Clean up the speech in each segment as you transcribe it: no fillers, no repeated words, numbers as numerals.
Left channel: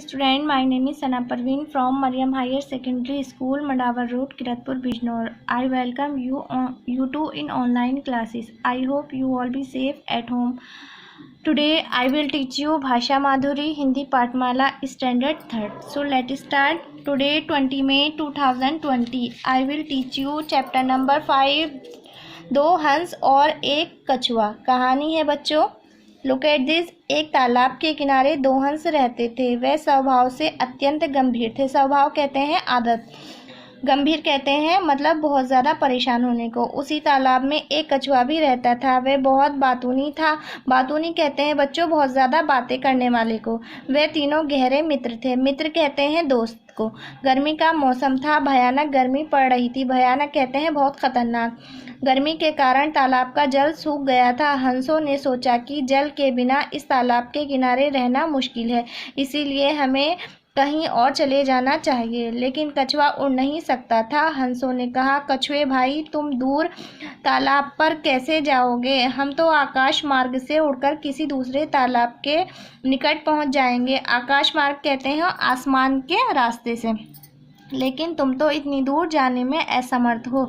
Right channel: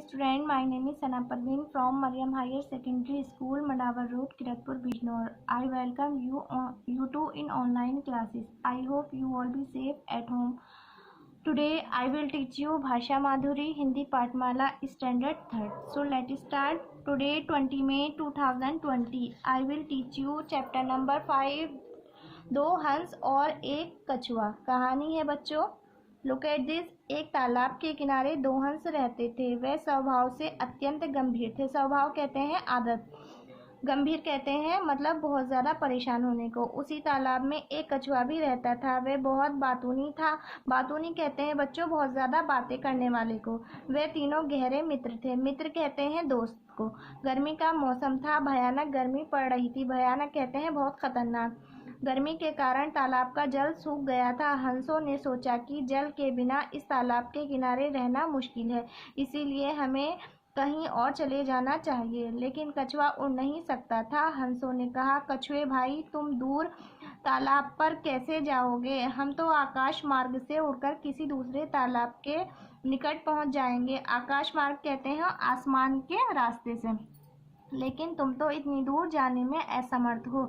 student. My name is Sana Parveen from Mariam Higher Secondary School, Mandawar Road, Kiratpur, Bijnor. I welcome you two in online classes. I hope you all be safe at home. Today I will teach you Bhasha Madhuri Hindi Patmala Standard 3rd. So let's start. Today 20 May 2020 I will teach you chapter number 5, दो हंस और एक कछुआ. कहानी है बच्चों. Look at this. एक तालाब के किनारे दो हंस रहते थे. वे स्वभाव से अत्यंत गंभीर थे. स्वभाव कहते हैं आदत, गंभीर कहते हैं मतलब बहुत ज़्यादा परेशान होने को. उसी तालाब में एक कछुआ भी रहता था. वह बहुत बातूनी था. बातूनी कहते हैं बच्चों बहुत ज़्यादा बातें करने वाले को. वे तीनों गहरे मित्र थे. मित्र कहते हैं दोस्त को. गर्मी का मौसम था. भयानक गर्मी पड़ रही थी. भयानक कहते हैं बहुत खतरनाक. गर्मी के कारण तालाब का जल सूख गया था. हंसों ने सोचा कि जल के बिना इस तालाब के किनारे रहना मुश्किल है, इसीलिए हमें कहीं और चले जाना चाहिए. लेकिन कछुआ उड़ नहीं सकता था. हंसों ने कहा, कछुए भाई तुम दूर तालाब पर कैसे जाओगे? हम तो आकाश मार्ग से उड़कर किसी दूसरे तालाब के निकट पहुंच जाएंगे. आकाश मार्ग कहते हैं आसमान के रास्ते से. लेकिन तुम तो इतनी दूर जाने में असमर्थ हो.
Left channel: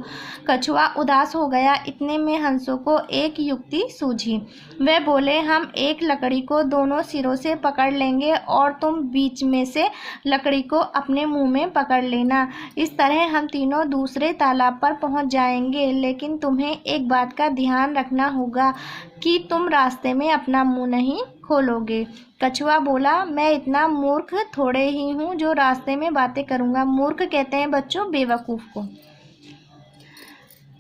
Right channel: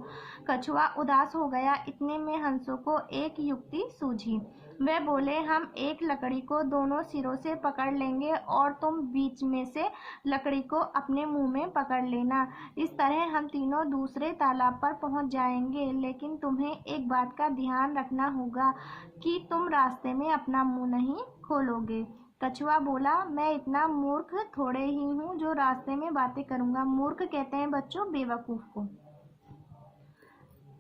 कछुआ उदास हो गया. इतने में हंसों को एक युक्ति सूझी. वे बोले, हम एक लकड़ी को दोनों सिरों से पकड़ लेंगे और तुम बीच में से लकड़ी को अपने मुंह में पकड़ लेना. इस तरह हम तीनों दूसरे तालाब पर पहुंच जाएंगे. लेकिन तुम्हें एक बात का ध्यान रखना होगा कि तुम रास्ते में अपना मुंह नहीं खोलोगे. कछुआ बोला, मैं इतना मूर्ख थोड़े ही हूँ जो रास्ते में बातें करूँगा. मूर्ख कहते हैं बच्चों बेवकूफ़ को.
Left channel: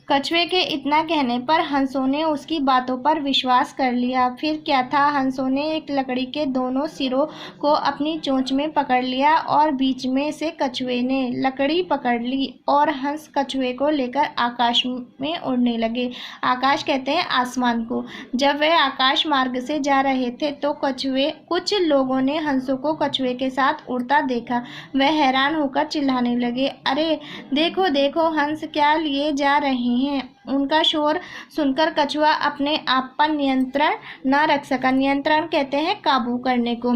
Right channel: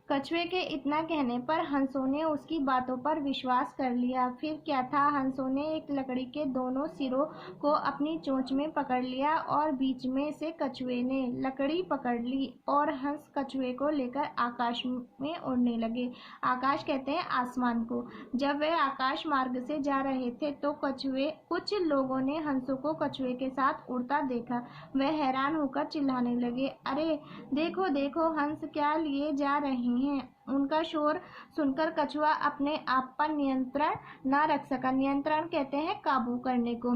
कछुए के इतना कहने पर हंसों ने उसकी बातों पर विश्वास कर लिया. फिर क्या था, हंसों ने एक लकड़ी के दोनों सिरों को अपनी चोंच में पकड़ लिया और बीच में से कछुए ने लकड़ी पकड़ ली और हंस कछुए को लेकर आकाश में उड़ने लगे. आकाश कहते हैं आसमान को. जब वह आकाश मार्ग से जा रहे थे तो कुछ लोगों ने हंसों को कछुए के साथ उड़ता देखा. वह हैरान होकर चिल्लाने लगे, अरे देखो देखो हंस क्या लिए जा रहे हैं. उनका शोर सुनकर कछुआ अपने आप पर नियंत्रण न रख सका. नियंत्रण कहते हैं काबू करने को.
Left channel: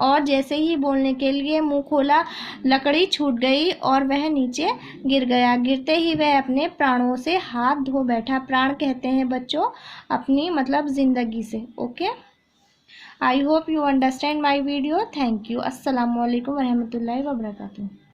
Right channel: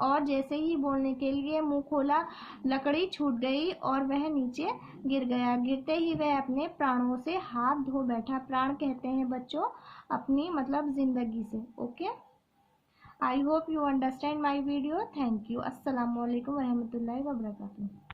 और जैसे ही बोलने के लिए मुंह खोला, लकड़ी छूट गई और वह नीचे गिर गया. गिरते ही वह अपने प्राणों से हाथ धो बैठा. प्राण कहते हैं बच्चों अपनी मतलब जिंदगी से. Okay, I hope you understand my video. Thank you. अस्सलाम वालेकुम रहमतुल्लाहि व बरकातुहू.